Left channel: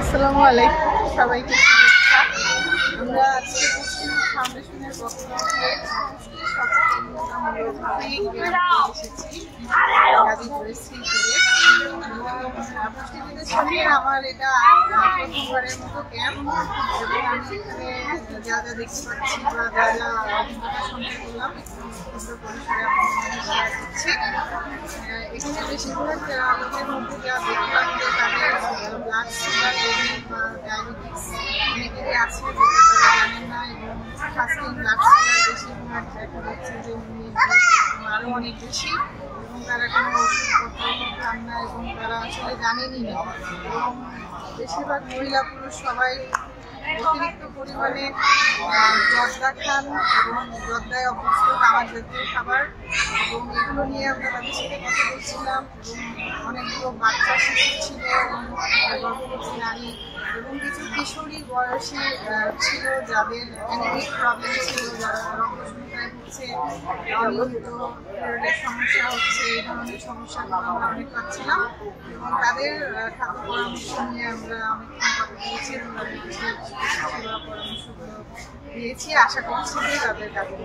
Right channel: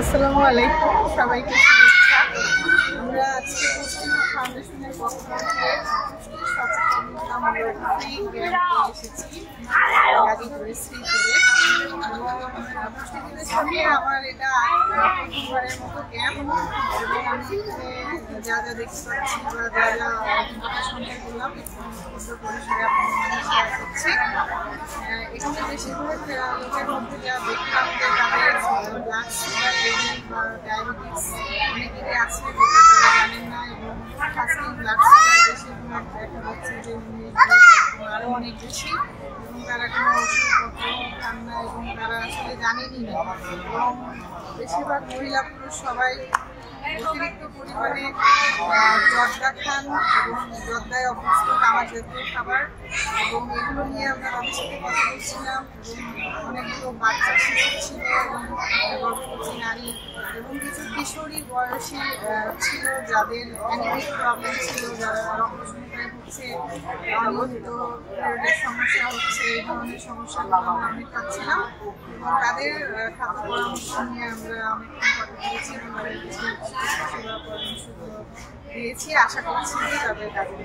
আসসালামু আলাইকুম, সবাইকে শুভেচ্ছা। আমরা আজকে পুষ্টিমুখ ফাউন্ডেশনের পক্ষ থেকে পুষ্টি সচেতনতামূলক ফ্রি ক্যাম্পে এসেছি গাজীপুরের শ্রীপুরে। এবং পুষ্টিবিদের সাথে আমার এটা প্রথমবারের মতো ক্যাম্প, এবং আমি এখানে যা যা দেখতে পাচ্ছি বা যা যা অভিজ্ঞতা সঞ্চয় করলাম একটু ক্ষুদ্র পরিসরে আপনাদের শেয়ার করছি। এখানে বেশিরভাগ লোকের মধ্যে যা দেখলাম যে তাদের ব্লাড সুগার লেভেল বা ডায়াবেটিস অনেকেরই আছে, যেটা তারা জানেন না, এবং ফাস্টিং ব্লাড সুগার বেশিরভাগ দেখা যাচ্ছে যে আরও অনেক বেশি, এবং তারা কোনো ওষুধপত্র খান না এবং তারা আসলে জানেনই না। এবং বেশিরভাগ মহিলা পুরুষ সবাই অতিরিক্ত পরিমাণে জর্দা খান এবং জর্দায় অভ্যস্ত তামাক জাতীয় খাবার, এবং এগুলো নিয়ে আমরা তাদের সাথে কথা বলছিলাম। এবং অনেকগুলো বাচ্চা শিশু ছিল এবং গর্ভবতী নারী এবং কিছু কিশোরী বয়সী ছিল যাদের অ্যানিমিক প্রবলেম ছিল, যারা রক্তশূন্যতায় ভুগছে, অনিয়মিত পিরিয়ডের সমস্যা হচ্ছে, এই ধরনের সমস্যাগুলো আমরা অনেক পাচ্ছিলাম। এবং তাদের খাদ্য পরামর্শ নিয়ে আমরা অনেকক্ষণ কথা বলেছি এবং তাদের কিছু সেবা পরামর্শগুলো দিয়েছি। আশা করছি যে তাদের কাজে